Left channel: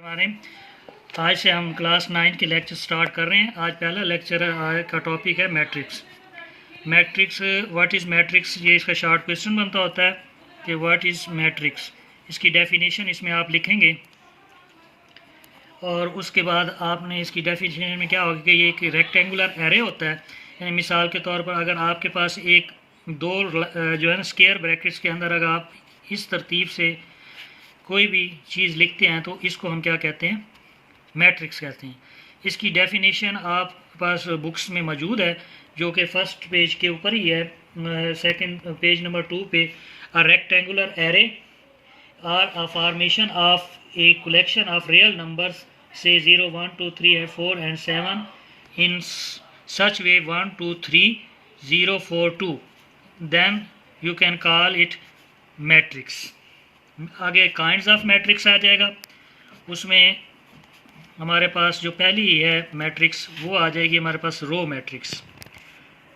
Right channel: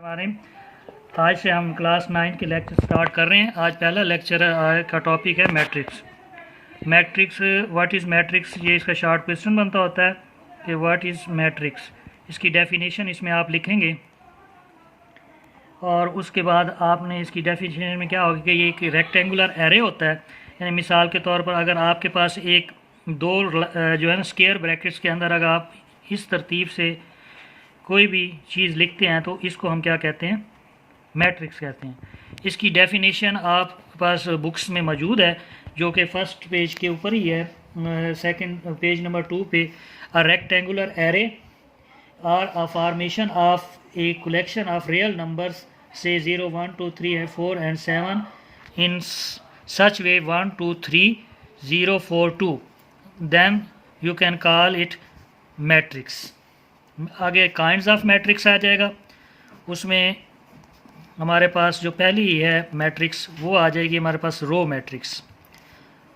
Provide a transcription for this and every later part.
हमारे आज से हम क्लास 9 के लेक्चर स्टार्ट कर रहे हैं। आज पहला लेक्चर का टॉपिक है मैट्रिक्स। व्हाट इज़ मैट्रिक्स, ये इसका शॉर्ट क्वेश्चन बनता होता है कि व्हाट इज़ मैट्रिक्स। इसकी डेफिनेशन इसमें आप लिखेंगे और उसके बाद आपने इसकी डेफिनेशन में क्या होगा कि ये एक रेक्टेंगुलर एरे होता है। यानी मिसाल के तौर पर अगर आपके पास एक दो जो है ना स्क्वायर ब्रैकेट्स के अंदर अगर आप इस तरतीब से कोई भी चीज़ लिखते हैं तो इसको हम क्या कहते हैं, मैट्रिक्स कहते हैं। इसकी डेफिनेशन आप पास बुक्स में मौजूद है जो कि फर्स्ट पेज के ऊपर ही है, सेकंड पेज नंबर 2 पे। A rectangular array are a formation of a collection of real numbers से 0 1 2 3 and 4 and 7 in such way 1 2 3 0 4 2, then you can call it matrix। आगे काइंड्स ऑफ मैट्रिक्स आ जाएगा, उसमें हमारे पास जो पहली है मैट्रिक्स वो आ जाएगी हमारे पास रो मैट्रिक्स।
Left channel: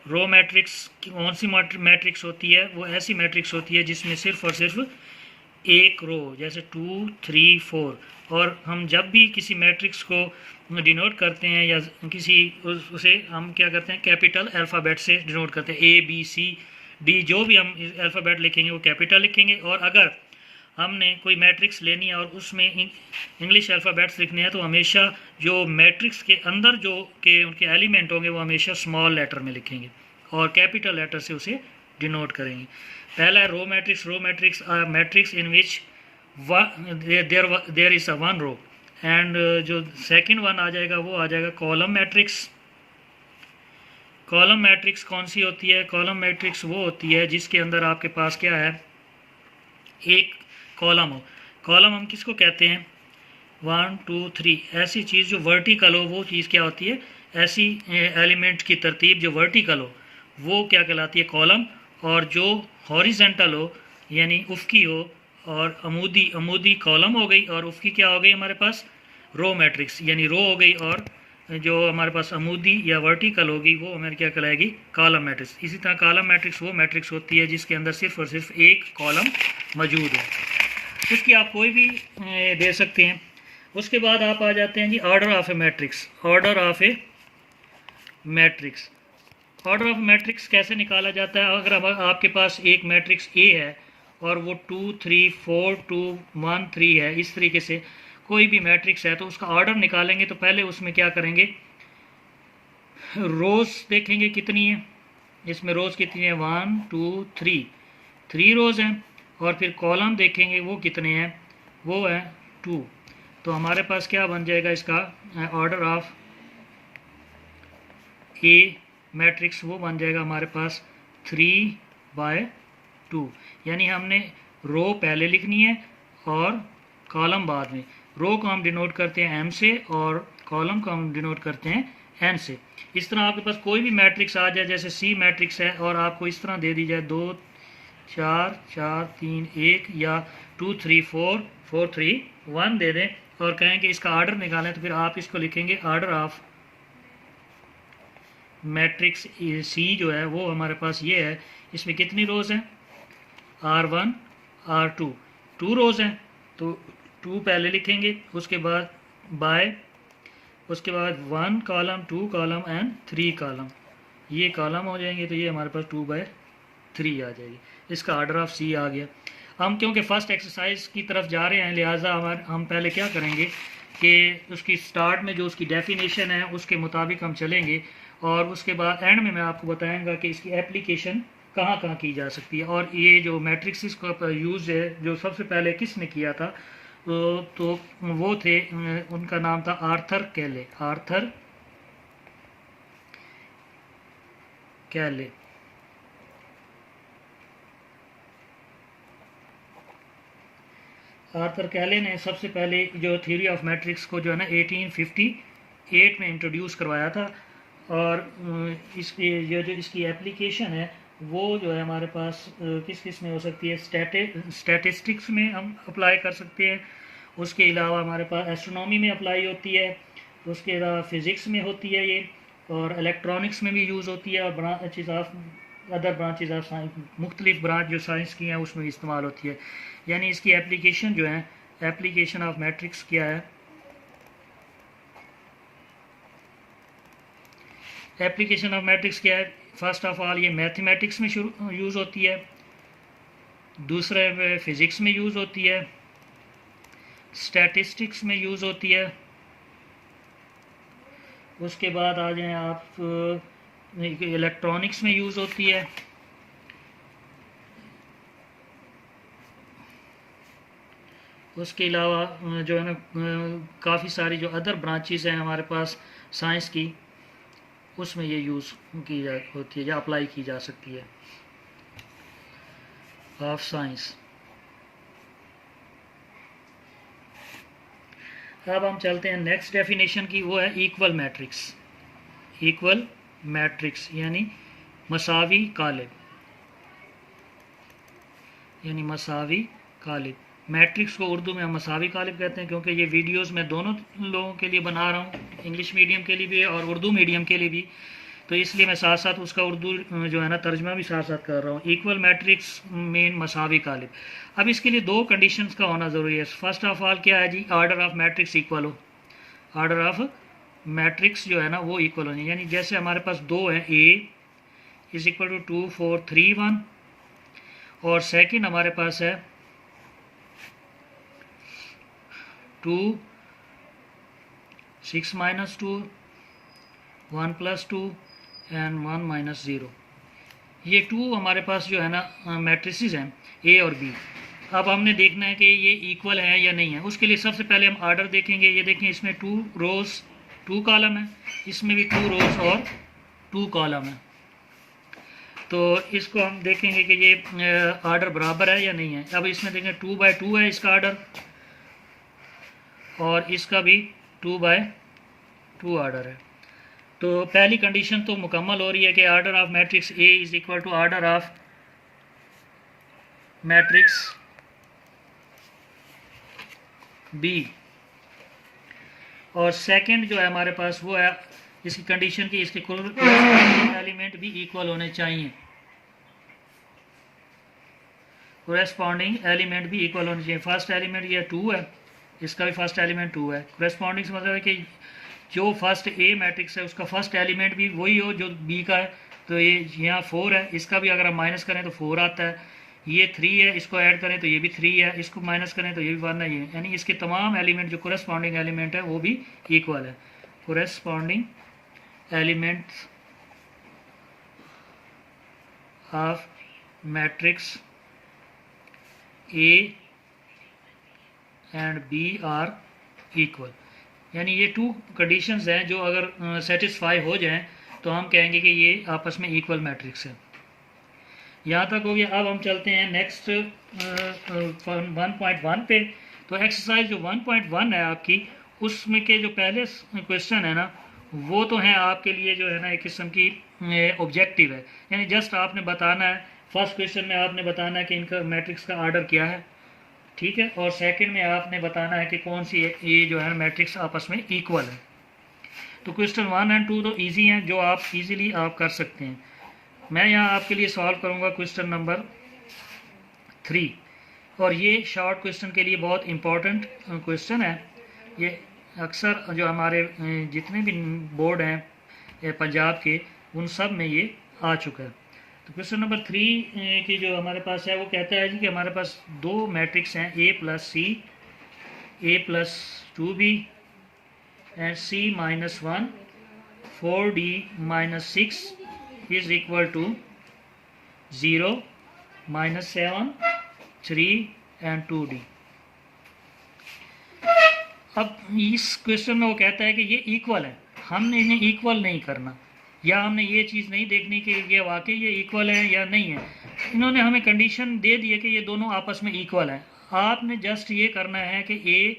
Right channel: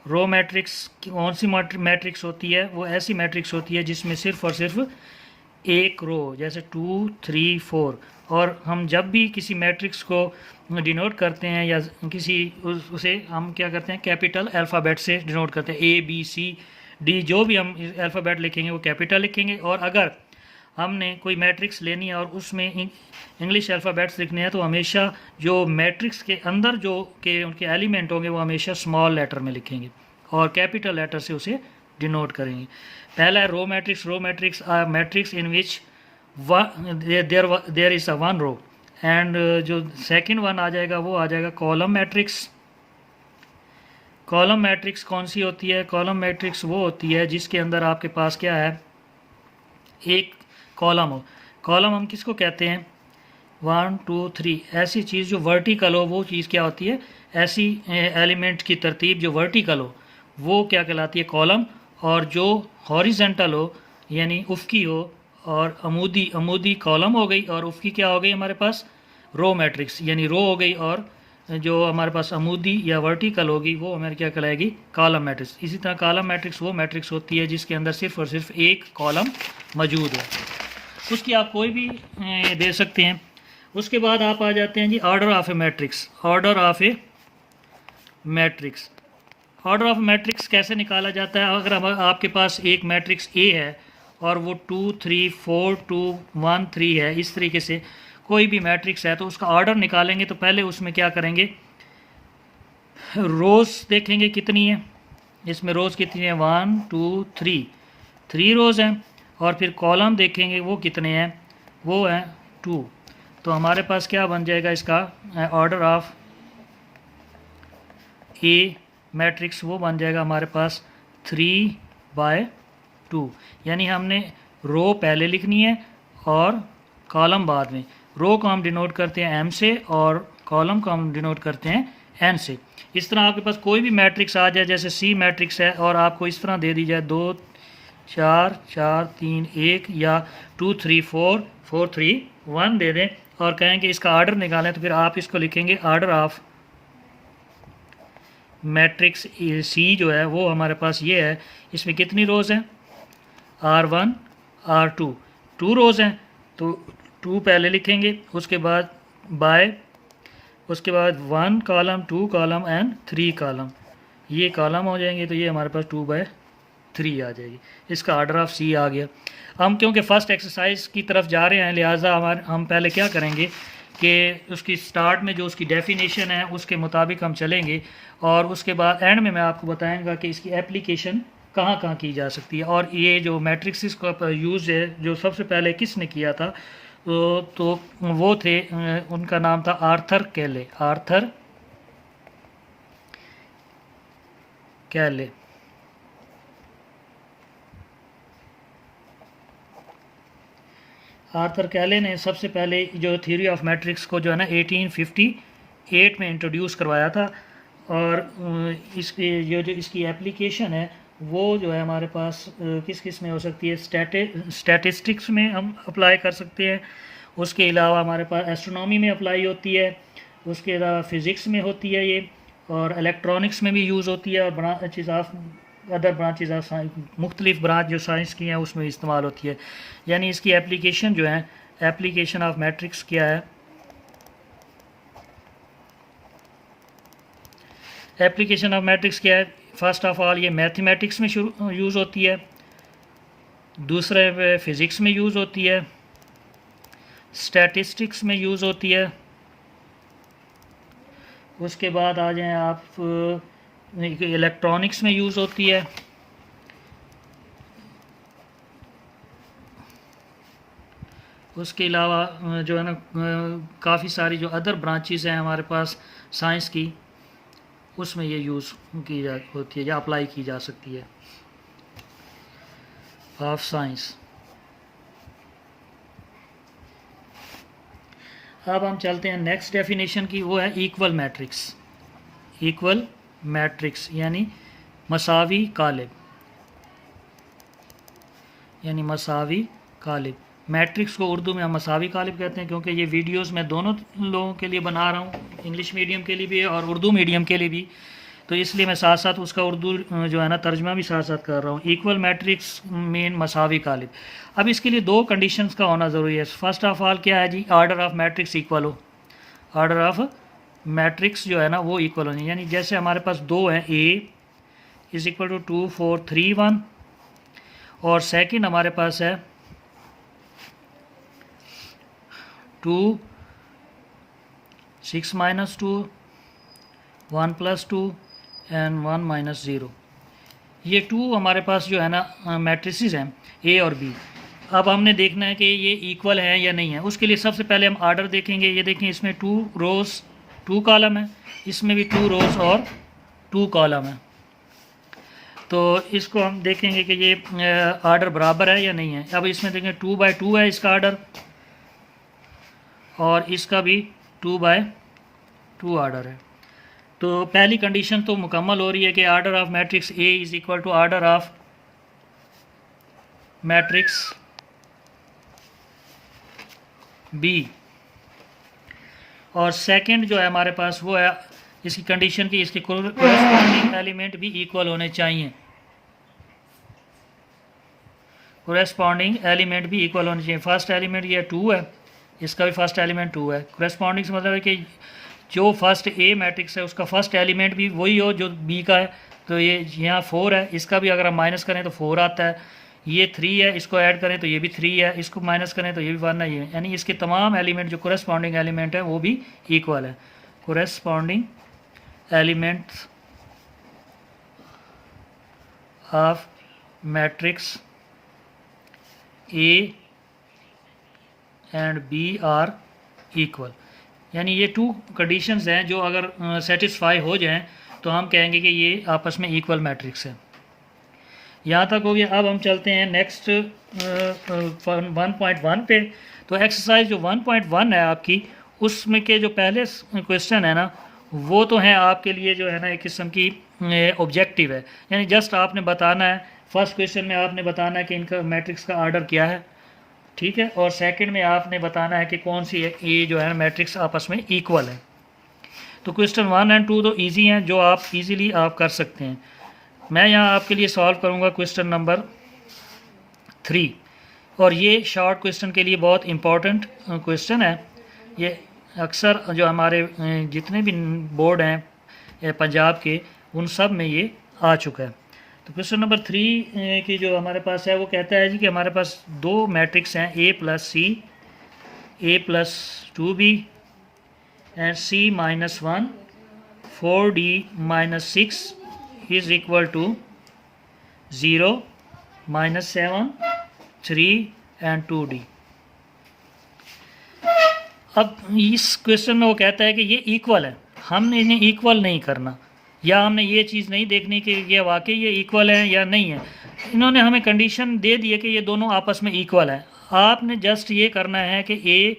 रो मैट्रिक्स कौन सी मैट्रिक्स होती है? वो ऐसी मैट्रिक्स होती है जिसमें सिर्फ और सिर्फ एक रो, जैसे 2 3 4। और हम जब भी किसी मैट्रिक्स को डिनोट करते हैं या किसी उसे हम क्या करते हैं, कैपिटल अल्फ़ाबेट से डिनोट करते हैं। A B C D जो भी हम अल्फ़ाबेट लिखेंगे वो कैपिटल लिखेंगे। और अगर हमने कोई मैट्रिक्स लेनी है और उसमें इंग्लिश अल्फ़ाबेट्स लिखने हैं तो हमेशा जो मैट्रिक्स के अंदर जो के उनके एलिमेंट होंगे वो हमेशा स्मॉल लेटर में लिखेंगे और कैपिटल लेटर से उसे डिनोट करेंगे। पहला है row matrix. Row matrix are matrix in which there is a one row. And जो सेकंड वन आ जाएगा वो आ जाएगा कॉलम मैट्रिक्स। कॉलम मैट्रिक्स कौन सी होती है? कॉलम मैट्रिक्स वो होती है जिसके अंदर आपके पास क्या है, एक कॉलम हो। कॉलम हम किसको कहते हैं? 1 2 3 ऐसी चीज़ जो वर्टिकल हो वो चीज़ क्या होती है? ऐसी एलिमेंट की तरतीब जो वर्टिकल हो वो क्या कहलाती है? कॉलम। और जो हॉरिजेंटल हो यानी उफ़की हो और अमूदी कॉलम हो गई और उफ़की क्या हो गई हमारे पास? रो मैट्रिक्स यानी रो हो गई। और जो हमारे पास अमूदी या वर्टिकल होगी वो हमारी क्या कहलाएगी? Column matrix. इसी तरह कॉलम मैट्रिक्स वो मैट्रिक्स होती है जिसके अंदर सिर्फ और सिर्फ एक कॉलम मौजूद है। उसकी आप कोई भी दे सकते हैं। उसके बाद आप आ जाते हैं जी order of a matrix. Order of a matrix. Order of matrix कैसे निकाला जाता है? अगर आपके पास एक मैट्रिक्स ए है और वो 2 3 4 2 1 3 है, इस तरीके से कोई भी मैट्रिक्स है तो उसका ऑर्डर निकालेंगे तो पहले उसमें क्या करेंगे, रोज़ देखेंगे कितनी है। इसमें रोज़ कितनी है? 1 2 3 रोज़ हैं। और फिर कॉलम देखेंगे वो कितने हैं, वो है 2। तो हमारे पास क्या बन जाएगा इसका ऑर्डर ऑफ ए मैट्रिक्स? वो बन जाएगा हमारे पास 3/2। यानी हमने रो पहले लिखनी है और कॉलम बाद में। रो को हम डिनोट करते हैं M से और कॉलम को हम डिनोट करते हैं N से। इस तरह आपके पास कोई भी मैट्रिक्स आ जाए, जैसे C मैट्रिक्स है और आपको इस तरह दे दी जाए 2 4 4 3 1 या 2 3 4 4 3 1 दे दें और कहें कि इसका ऑर्डर निकालें, तो फिर आप इसको लिखेंगे ऑर्डर ऑफ मैट्रिक्स सी जो है वो हमारे पास ये है। इसमें कितनी रोज़ हैं? R1 R2 2 रोज़ हैं तो 2 पहले लिखेंगे, उसके बाद बाय, उसके बाद 1 कॉलम 2 कॉलम एंड 3 कॉलम, ये कॉलम हो जाएंगे तो ये हमारे पास 2/3 आ जाएगी। इसका ऑर्डर ऑफ सी आ गया। हम क्योंकि फ़र्स्ट एक्सरसाइज की तरफ जा रहे हैं लिहाजा हम पहले क्या करेंगे कि उसकी स्टार्ट में जो उसकी डेफिनेशन है उसके मुताबिक हम चलेंगे और उसके बाद एंड में मैं आपको बताऊंगा कि इसकी एप्लीकेशन कहाँ कहाँ की जा सकती है। और ये जो मैट्रिक्स का यूज़ है जो सबसे पहले किसने किया था तो वो थे, उनका नाम था आर्थर कैले। आर्थर कैले। आर्थर कैले ने सबसे पहले जो थ्योरी ऑफ मैट्रिक्स को जो है ना 1858 में इंट्रोड्यूस करवाया था। और इसकी जो इसकी एप्लीकेशन है वो जो है हमारे पास किस किस में हो सकती है? स्टैटिस्टिक्स में हम अप्लाई कर सकते हैं। उसके अलावा हमारे पास एस्ट्रोनॉमी में अप्लाई होती है, उसके अलावा फ़िज़िक्स में होती है ये, और इलेक्ट्रॉनिक्स में भी यूज़ होती है, और branches of other branches of science, मुख्तलिफ ब्रांच जो साइंस की हैं उसमें इस्तेमाल होती है। यानी इसकी एप्लीकेशन जो है, एप्लीकेशन ऑफ मैट्रिक्स क्या है? एप्लीकेशन ऑफ मैट्रिक्स क्या है? फर्स्ट ऑफ ऑल ये मैथमेटिक्स में यूज़ होती है, दूसरे फिज़िक्स में यूज़ होती है, स्टैटिस्टिक्स में यूज़ होती है। उसके बाद आ जाएं आप, इलेक्ट्रॉनिक्स में यूज़ होती है। उसके अलावा जो है ना काफ़ी सारी जो अदर ब्रांचेस हैं हमारे पास साइंस की, उसमें ये यूज़ की जा होती है या अप्लाई की जा सकती है ऑफ साइंस। अब हम चलते हैं नेक्स्ट डेफिनेशन की, वो है इक्वल मैट्रिक्स। इक्वल मैट्रिक्स यानी मसावी कालिब, यानी मसावी कालिब। मैट्रिक्स को उर्दू में हम मसावी कालिब कहते हैं, क्योंकि ये वीडियोस मैं दोनों लोगों के लिए बना रहा हूँ, इंग्लिश मीडियम के लिए भी और उर्दू मीडियम के लिए भी, तो इसलिए मैं साथ साथ उसका उर्दू जो है ना तर्जमा भी साथ साथ कर रहा हूँ। इक्वल मैट्रिक्स मीन मसावी कालिब। अब इसके लिए दो कंडीशंस का होना ज़रूरी है। फर्स्ट ऑफ ऑल क्या है जी? ऑर्डर ऑफ मैट्रिक्स इक्वल हो। ऑर्डर ऑफ मैट्रिक्स जो है ना वो इक्वल होनी, यानी जैसे हमारे पास दो हैं, ए इज इक्वल टू 2 4 3 1, और सेकंड हमारे पास है 2 6 माइनस 2 1 प्लस 2 एंड 1 माइनस 0। ये टू हमारे पास जो है ना मैट्रिसेस हैं ए और बी। अब हमने देखना है कि ये इक्वल है या नहीं है। उसके लिए सबसे पहले हम आर्डर देखेंगे। ये देखें, इसमें 2 रोज़ 2 कॉलम है, इसमें भी 2 रोज़ और 2 कॉलम है। तो इसको हम देखेंगे कि ये आर्डर बराबर है या नहीं है। अब इसमें देखें 2 बाय 2 है इसका आर्डर, और इसका भी 2 बाय 2 आर्डर है। तो पहली कंडीशन तो मुकम्मल हो रही है कि order of matrix A is equal to order of matrix B. और सेकंड जो है हमारे पास वो है इसकी कंडीशन की इसके कोरेस्पॉन्डिंग एलिमेंट भी इक्वल होने चाहिए। कोरेस्पॉन्डिंग एलिमेंट भी इक्वल होने चाहिए। फर्स्ट एलिमेंट ये 2 है, इसका भी फर्स्ट एलिमेंट 2 है। कोरेस्पॉन्डिंग से मतलब है कि जो फर्स्ट ए मैट्रिक्स है उसका फर्स्ट एलिमेंट भी वही हो जो बी का है। तो ये यहाँ 4 है, इसका भी अगर हम माइनस करें तो 4 आता है। ये 3 है, इसको ऐड करें तो ये भी 3 है, इसको माइनस करें तो ये भी 1 है। ये यानी इसके तमाम एलिमेंट जो कोरेस्पॉन्डिंग एलिमेंट है वो भी इक्वल है। Corresponding elements of matrix A and B are equal. यानी ये 2 कंडीशंस हैं जो अगर सेटिस्फाई हो जाएं तो हम कहेंगे कि ये आपस में इक्वल मैट्रिक्स है। यहाँ तक हो गया। अब हम चलते हैं नेक्स्ट 1.1 पे। तो एक्सरसाइज जो 1.1 है आपकी, उसमें के जो पहले क्वेश्चन है ना वो तो है आपके लिए जो है ना एक किस्म की ऑब्जेक्टिव है, यानी जस्ट आपने बताना है। फर्स्ट क्वेश्चन में आपने बताना है कि इनका मैट्रिक्स का आर्डर क्या है, ठीक है, और सेकंड में आपने बताना है कि कौन सी ये जो है मैट्रिक्स आपस में इक्वल है। तो क्वेश्चन 1 और 2 तो इजी हैं, जो आप इजीली आप कर सकते हैं। मैं यहाँ आपके लिए सॉल्व करूँगा क्वेश्चन नंबर 3, और ये शॉर्ट क्वेश्चन के लिए बहुत इम्पॉर्टेंट क्वेश्चन है। ये अक्सर जो हमारे जितने भी बोर्ड हैं पंजाब के, उन सब में ये आ चुका है। तो क्वेश्चन नंबर 3 की जो हमारे पास है वो कहता है जी कि हमारे पास 2 मैट्रिक्स हैं, A plus C, A plus 2b and C minus 1, 4d minus 6 is equal to 0, -7, 3 and 2d। अब इस क्वेश्चन में वो कहता है कि ये इक्वल है, हमने इन्हें इक्वल नहीं करना, या हमने ये चीज़ नहीं देखनी कि ये वाकई ये इक्वल है या नहीं है। इन्होंने हमें कंडीशन दे दी है कि ये दोनों आपस में इक्वल हैं। आपने जस्ट ये करना है कि A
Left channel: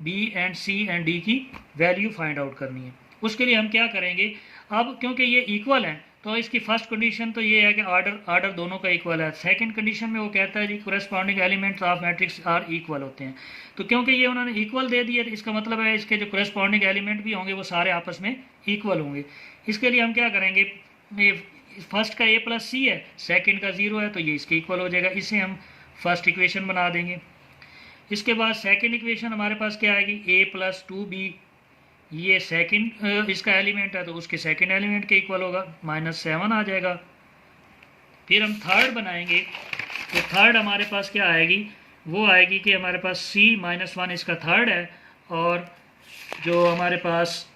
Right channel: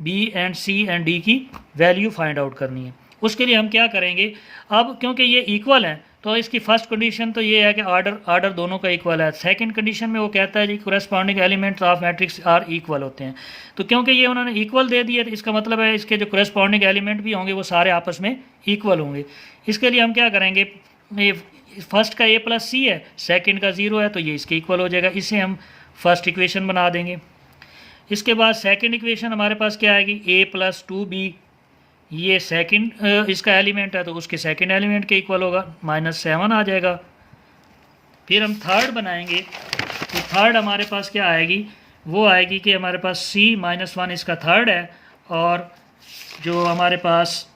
B and C and D की वैल्यू फाइंड आउट करनी है। उसके लिए हम क्या करेंगे, अब क्योंकि ये इक्वल हैं तो इसकी फर्स्ट कंडीशन तो ये है कि आर्डर दोनों का इक्वल है। सेकंड कंडीशन में वो कहता है जी corresponding elements of matrix are equal होते हैं। तो क्योंकि ये उन्होंने इक्वल दे दिया तो इसका मतलब है इसके जो कोरेस्पॉन्डिंग एलिमेंट भी होंगे वो सारे आपस में इक्वल होंगे। इसके लिए हम क्या करेंगे, ये फर्स्ट का ए प्लस सी है, सेकंड का 0 है, तो ये इसके इक्वल हो जाएगा। इसे हम फर्स्ट इक्वेशन बना देंगे। इसके बाद सेकंड इक्वेशन हमारे पास क्या आएगी, ए प्लस 2b, ये सेकंड इसका एलिमेंट है तो उसके सेकंड एलिमेंट के इक्वल होगा, -7 आ जाएगा। फिर हम थर्ड बनाएंगे तो थर्ड हमारे पास क्या आएगी, वो आएगी कि हमारे पास C-1 इसका थर्ड है, और जो हमारे पास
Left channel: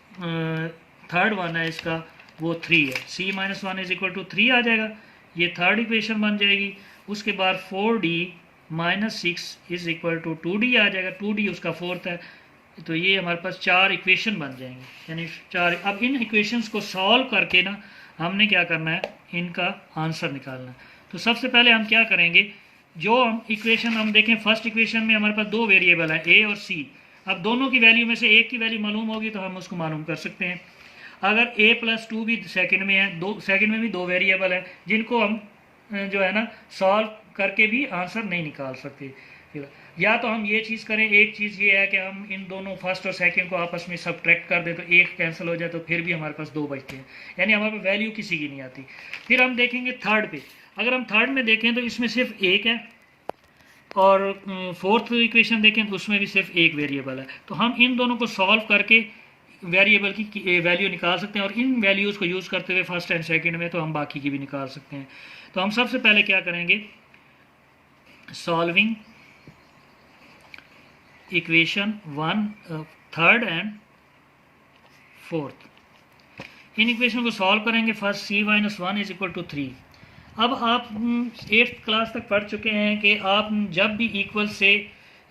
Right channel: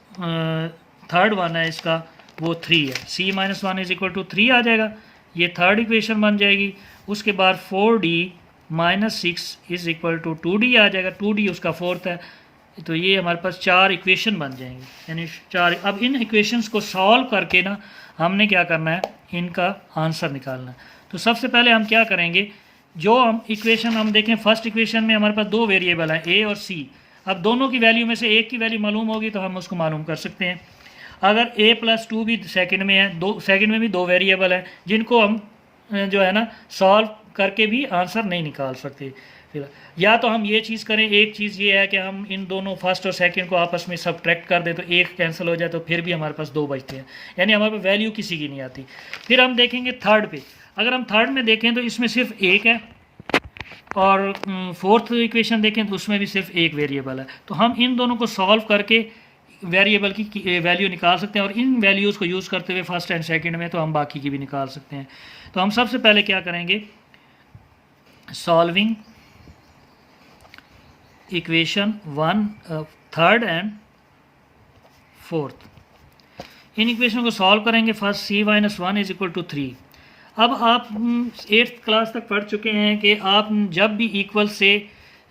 थर्ड वन है इसका वो 3 है। C-1 इज इक्वल टू 3 आ जाएगा, ये थर्ड इक्वेशन बन जाएगी। उसके बाद 4D - 6 is equal to 2D आ जाएगा, 2D उसका फोर्थ है। तो ये हमारे पास 4 इक्वेशन बन जाएंगे, यानी 4। अब इन इक्वेशंस को सॉल्व करके ना हमने क्या करना है, इनका आंसर निकालना है। तो सबसे पहले हम क्या करेंगे, जो हम इक्वेशन हम देखें, फर्स्ट इक्वेशन में हमारे पास 2 वेरिएबल है A और C। अब दोनों की वैल्यू में से एक की वैल्यू मालूम होगी तो हम उसको मालूम कर सकते हैं। अगर A+2 भी सेकंड में है, सेकंड में भी 2 वेरिएबल है जिनको हम जो है ना सॉल्व करके भी आंसर नहीं निकाल सकते। या तो हम ये चीज़ करें, एक चीज़ ये है कि हम इन दोनों फर्स्ट और सेकंड को आपस में सब्ट्रैक्ट कर दें तो एक कैंसिल हो जाए तो फिर भी हमारे पास 2 बचते हैं, यानी हमारे पास वैल्यू किसी की नहीं आती। फिर हम देखेंगे थर्ड पे, अगर हम थर्ड में देखें तो इसमें सिर्फ एक है, और फोर्थ इक्वेशन देखें तो उसमें भी सिर्फ एक वेरिएबल है। तो हम इन दोनों को सॉल्व करके वेरिएबल की वैल्यू निकाल सकते हैं, और इन वैल्यूज़ को यूज़ करते हुए फर्स्ट एंड सेकंड में तो हम बाकी की भी निकाल सकते हैं। तो हम सबसे पहले क्या करेंगे, solving equation 1 third and fourth. इन इक्वेशन को सॉल्व करेंगे। First C-1 is equal to 3। अब आप 8th क्लास तक पढ़ चुके हैं कि आप जब भी इक्वल से,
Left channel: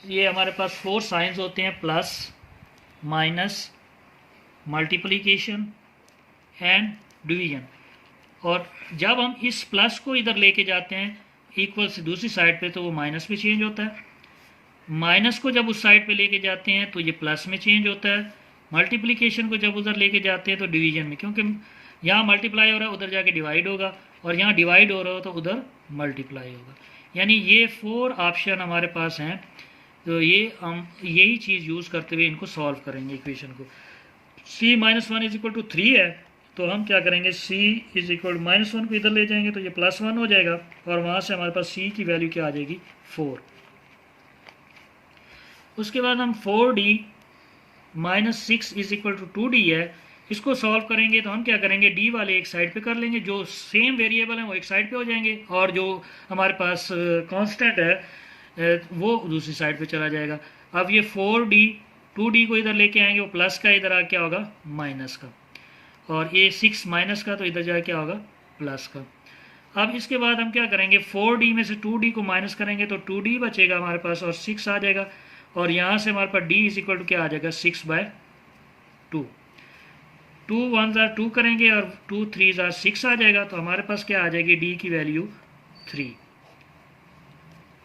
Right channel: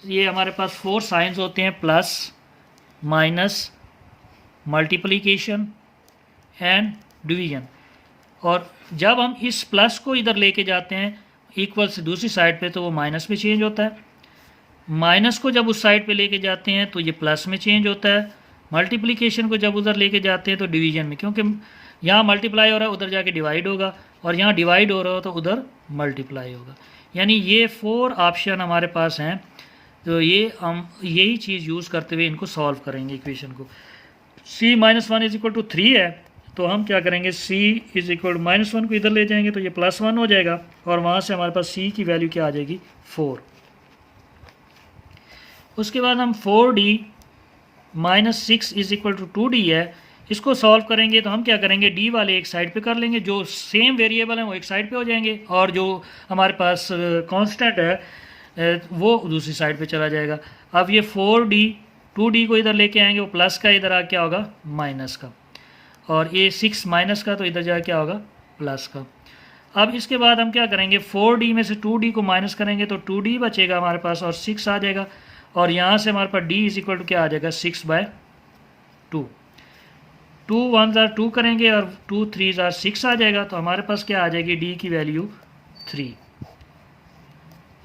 ये हमारे पास 4 साइंस होते हैं, plus, minus, multiplication and division, और जब हम इस प्लस को इधर लेके जाते हैं इक्वल से दूसरी साइड पे तो वो माइनस में चेंज होता है। माइनस को जब उस साइड पे लेके जाते हैं तो ये प्लस में चेंज होता है। मल्टीप्लिकेशन को जब उधर लेके जाते हैं तो डिवीजन में, क्योंकि यहाँ मल्टीप्लाई हो रहा है उधर जाके डिवाइड होगा, और यहाँ डिवाइड हो रहा हो तो उधर मल्टीप्लाई होगा। यानी ये 4 ऑप्शन हमारे पास हैं। तो ये हम यही चीज़ यूज़ करते हुए इनको सॉल्व करेंगे इक्वेशन को। C-1 इज इक्वल टू 3 है तो हम क्या करेंगे, C इज इक्वल -1 को इधर ले जाएंगे तो ये +1 हो जाएगा, और वहाँ से हमारे पास C की वैल्यू क्या आ जाएगी, 4। उसके बाद हम 4D - 6 is equal to 2D है, इसको सॉल्व करेंगे तो हम क्या करेंगे, D वाले एक साइड पे कर लेंगे, जो सेम वेरिएबल हैं वो एक साइड पे हो जाएंगे, और जो हमारे पास कांस्टेंट है वो दूसरी साइड पे चला जाएगा। अब ये 4D 2D को इधर लेके आएंगे, वो प्लस का इधर आ क्या होगा, माइनस का, और ये 6 माइनस का तो इधर जा क्या होगा, प्लस का। अब इसके बाद हम क्या करेंगे, 4D में से 2D को माइनस करेंगे तो 2D बचेगा हमारे पास, और 6 आ जाएगा, और यहाँ से हमारे पास D इज इक्वल टू क्या आ जाएगा, 6/2। 2 1s are 2 करेंगे और 2 3s are 6 आ जाएगा, तो हमारे पास क्या आ जाएगी, D की वैल्यू 3।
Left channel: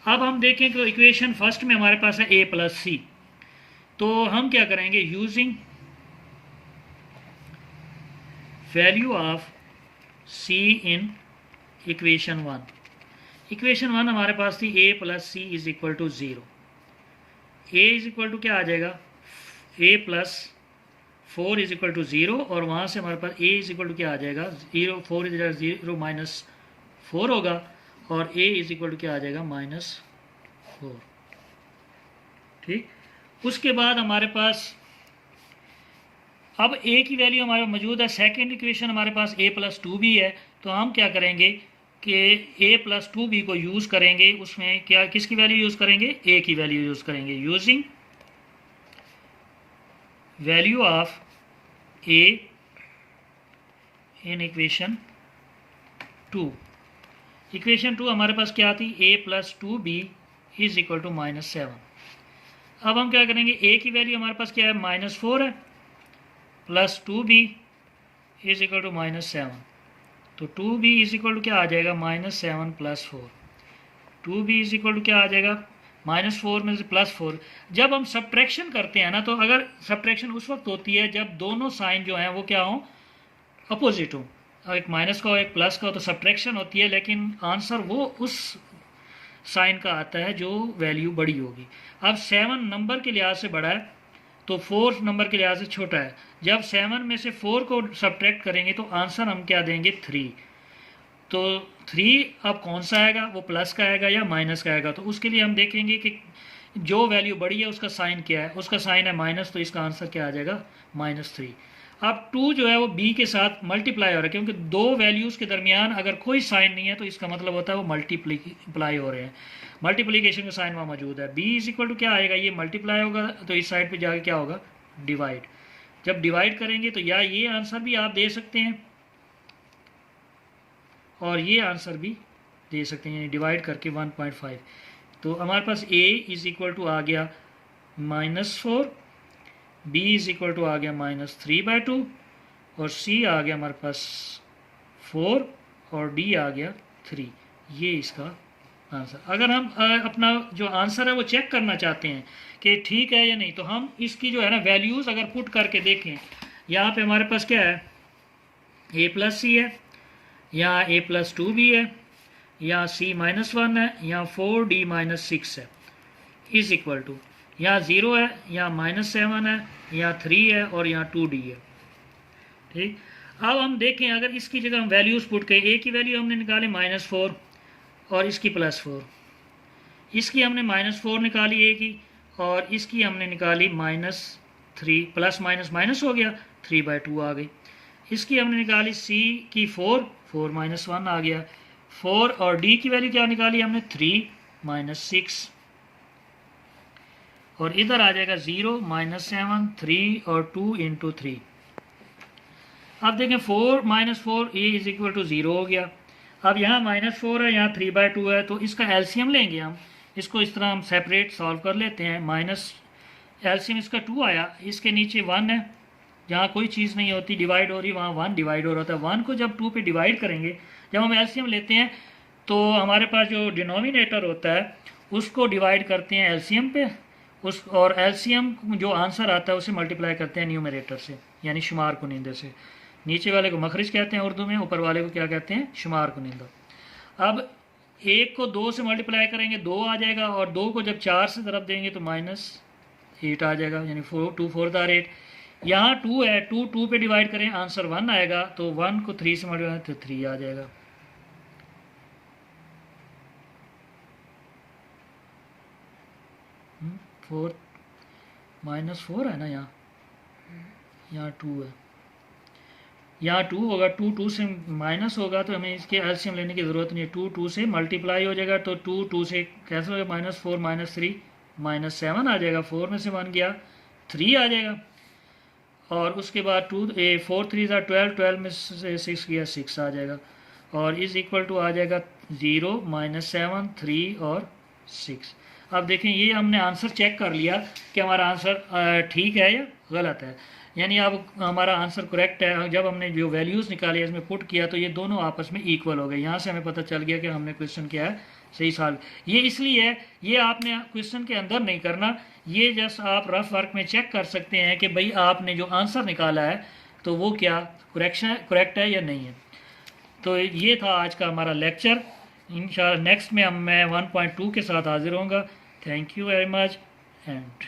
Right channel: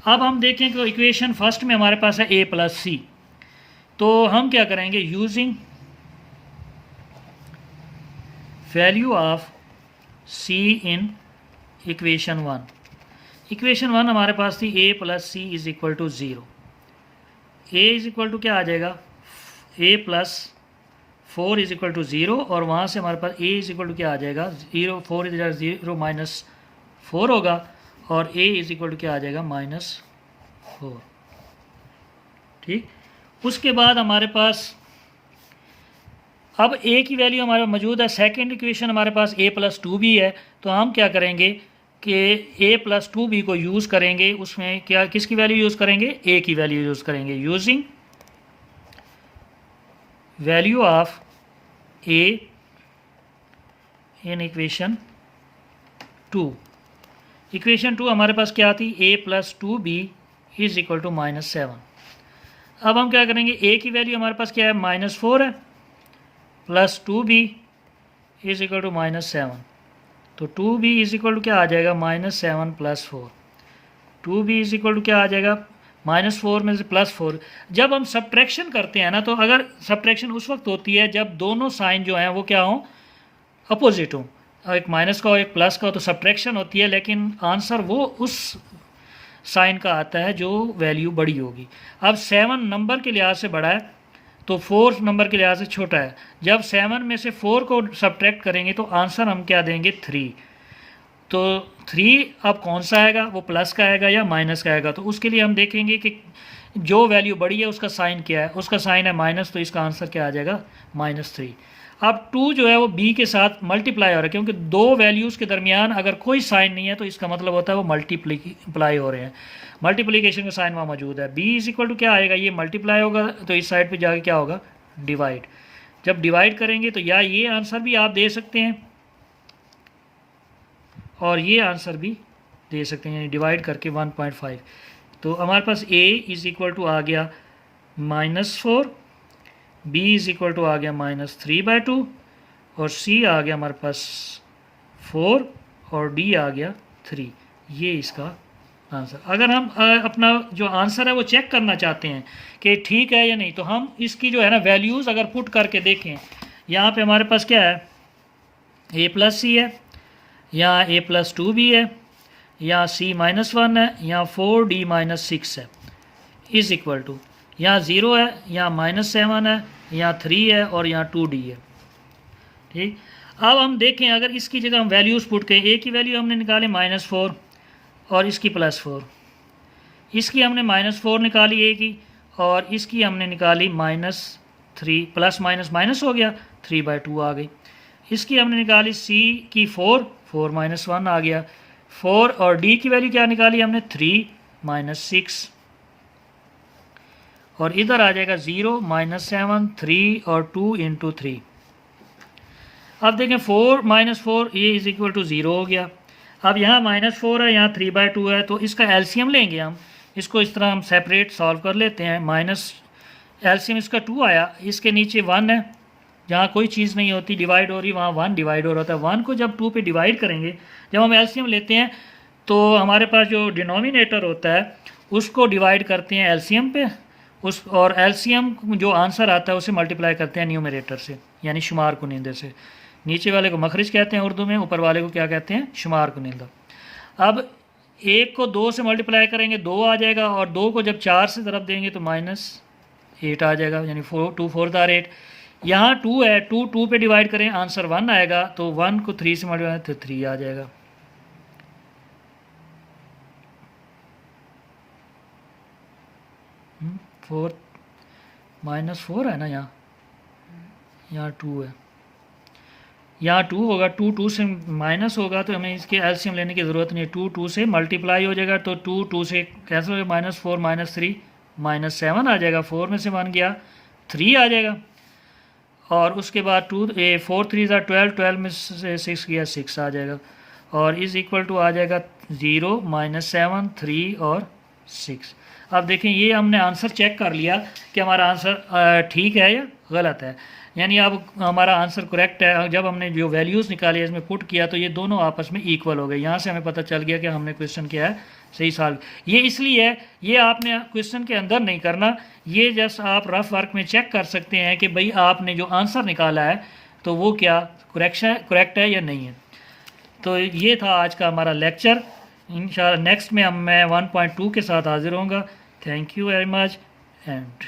अब हम देखें कि इक्वेशन फर्स्ट में हमारे पास है A+C, तो हम क्या करेंगे, using value of C in equation 1। Equation 1 हमारे पास थी A+C is equal to 0। A is equal to क्या आ जाएगा, A+4 इज इक्वल टू 0, और वहाँ से हमारे पास A इज इक्वल टू क्या आ जाएगा, 0, 4 इज 0 -4 होगा, और A इज इक्वल टू क्या आ जाएगा, -4। ठीक, उसके बाद हमारे पास अब A की वैल्यू हमारे मौजूद है। सेकंड इक्वेशन हमारे पास A+2 भी है, तो हम क्या करेंगे कि A+2B को यूज़ करेंगे, उसमें क्या किसकी वैल्यू यूज़ करेंगे, A की वैल्यू यूज़ करेंगे, using value of A in equation 2। Equation 2 हमारे पास क्या थी, A+2B इज इक्वल टू -7। अब हम क्या करेंगे, A की वैल्यू हमारे पास क्या है, -4 है, plus 2B is equal to -7, तो 2B इज इक्वल टू क्या आ जाएगा, -7 + 4। 2B इज इक्वल टू क्या आ जाएगा, -4 में से +4। जब हम सब्ट्रैक्शन करते हैं ना, तो अगर सब्ट्रैक्शन उस वक्त होती है जब दोनों साइन जो हैं वो क्या हों, अपोजिट हों, एक माइनस का हो एक प्लस का हो, तो सब्ट्रैक्शन होती है, लेकिन आंसर वो उस साइन का आता है जो वैल्यू बड़ी होगी। अब 7 नंबर के लिहाज से बड़ा है तो 4 नंबर के लिहाज से छोटा है। जब 7 में से 4 को सब्ट्रैक्ट करेंगे तो आंसर हम क्या देंगे, 3। तो 3 अब कौन सा आएगा, वो प्लस का आएगा या माइनस का आएगा, तो उसके लिए हम देखेंगे कि जो वैल्यू बड़ी है उसका साइन क्या है, उसका साइन है माइनस, तो इसका आंसर क्या आ जाएगा -3। अब 2 जो है वो b के साथ मल्टीप्लाई हो रहा है, क्योंकि दो वैल्यूज़ के दरमियान अगर कोई साइन नहीं है तो इसका मतलब होता है वो मल्टीप्लाई हो रहे हैं, मल्टीप्लिकेशन का साइन वहाँ मौजूद है। b इज इक्वल टू क्या आएगा, ये मल्टीप्लाई होगा तो इस साइड पे जाके क्या होगा, डिवाइड। जब डिवाइड करेंगे तो या ये आंसर भी आप दे सकते हैं और ये आंसर भी दे सकते हैं, डिवाइड करके 1.5। तो हमारे पास a इज इक्वल टू आ गया -4, b इज इक्वल टू आ गया -3/2 और c आ गया हमारे पास 4 और d आ गया 3। ये इसका आंसर। अगर हम अपना जो आंसर है वो चेक करना चाहते हैं कि ठीक है या नहीं, तो हम इसकी जो है ना वैल्यूज़ अगर पुट करके देखें, यहाँ पे हमारे पास क्या है, a+c है, यहाँ a+2 भी है, यहाँ c-1 है, यहाँ 4d-6 है, इज इक्वल टू यहाँ 0 है, यहाँ -7 है, यहाँ 3 है और यहाँ 2d है। ठीक, अब हम देखें अगर इसकी जगह हम वैल्यूज़ पुट करें, a की वैल्यू हमने निकाले -4 और इसकी +4, इसकी हमने -4 निकाली a की और इसकी हमने निकाली -3, प्लस माइनस माइनस हो गया, 3/2 आ गई। इसकी हमने निकाली c की 4 -1 आ गया, 4 और d की वैल्यू क्या निकाली हमने, 3 -6 और इधर आ जाएगा 0 -7 3 और 2 × 3। अब देखें 4 -4 ये इज इक्वल टू 0 हो गया। अब यहाँ -4 है, यहाँ 3/2 है, तो इसका एलसीएम लेंगे हम, इसको इस तरह हम सेपरेट सॉल्व कर लेते हैं। माइनस एलसीएम इसका 2 आया, इसके नीचे 1 है, जहाँ कोई चीज़ नहीं होती डिवाइड हो रही वहाँ 1 डिवाइड हो रहा होता है। 1 को जब 2 पे डिवाइड करेंगे, जब हम एलसीएम लेते हैं तो हमारे पास जो डिनोमिनेटर होता है उसको डिवाइड करते हैं एलसीएम पे, उस और एलसीएम जो आंसर आता है उसे मल्टीप्लाई करते हैं न्यूमरेटर से, यानी शुमार कुनिंदे से। नीचे वाले को मखरिज कहते हैं उर्दू में, ऊपर वाले को क्या कहते हैं, शुमार कुनिंदा। अब 1 को 2 से मल्टीप्लाई करेंगे 2 आ जाएगा, और 2 को जब 4 से तरफ देंगे तो -8 आ जाएगा, यानी 2 4 8। यहाँ 2 है, 2 पे डिवाइड करें आंसर 1 आएगा, तो 1 को 3 से मल्टीप्लाई तो 3 आ जाएगा। -4 है ना, यहाँ 2 है, यहाँ 2 होगा, 2 से माइनस होगा तो हमें इसके एलसीएम लेने की ज़रूरत नहीं है। 2 से मल्टीप्लाई हो जाएगा तो 2 से कैंसिल हो जाएगा, -4 -3 -7 आ जाएगा, 4 में से 1 गया 3 आ जाएगा, और उसके बाद 4 3 12, 12 में से 6 गया 6 आ जाएगा, और इज इक्वल टू आ जाएगा 0 -7 3 और 6। अब देखें ये हमने आंसर चेक कर लिया कि हमारा आंसर ठीक है या गलत है, यानी अब हमारा आंसर करेक्ट है। जब हमने जो वैल्यूज़ निकाली इसमें पुट किया तो ये दोनों आपस में इक्वल हो गए। यहाँ से हमें पता चल गया कि हमने क्वेश्चन क्या है सही सॉल्व। ये इसलिए है, ये आपने क्वेश्चन के अंदर नहीं करना, ये जस्ट आप रफ वर्क में चेक कर सकते हैं कि भाई आपने जो आंसर निकाला है तो वो क्या करेक्ट है या नहीं है। तो ये था आज का हमारा लेक्चर। इंशाल्लाह नेक्स्ट में मैं 1.2 के साथ हाजिर होऊंगा। Thank you very much and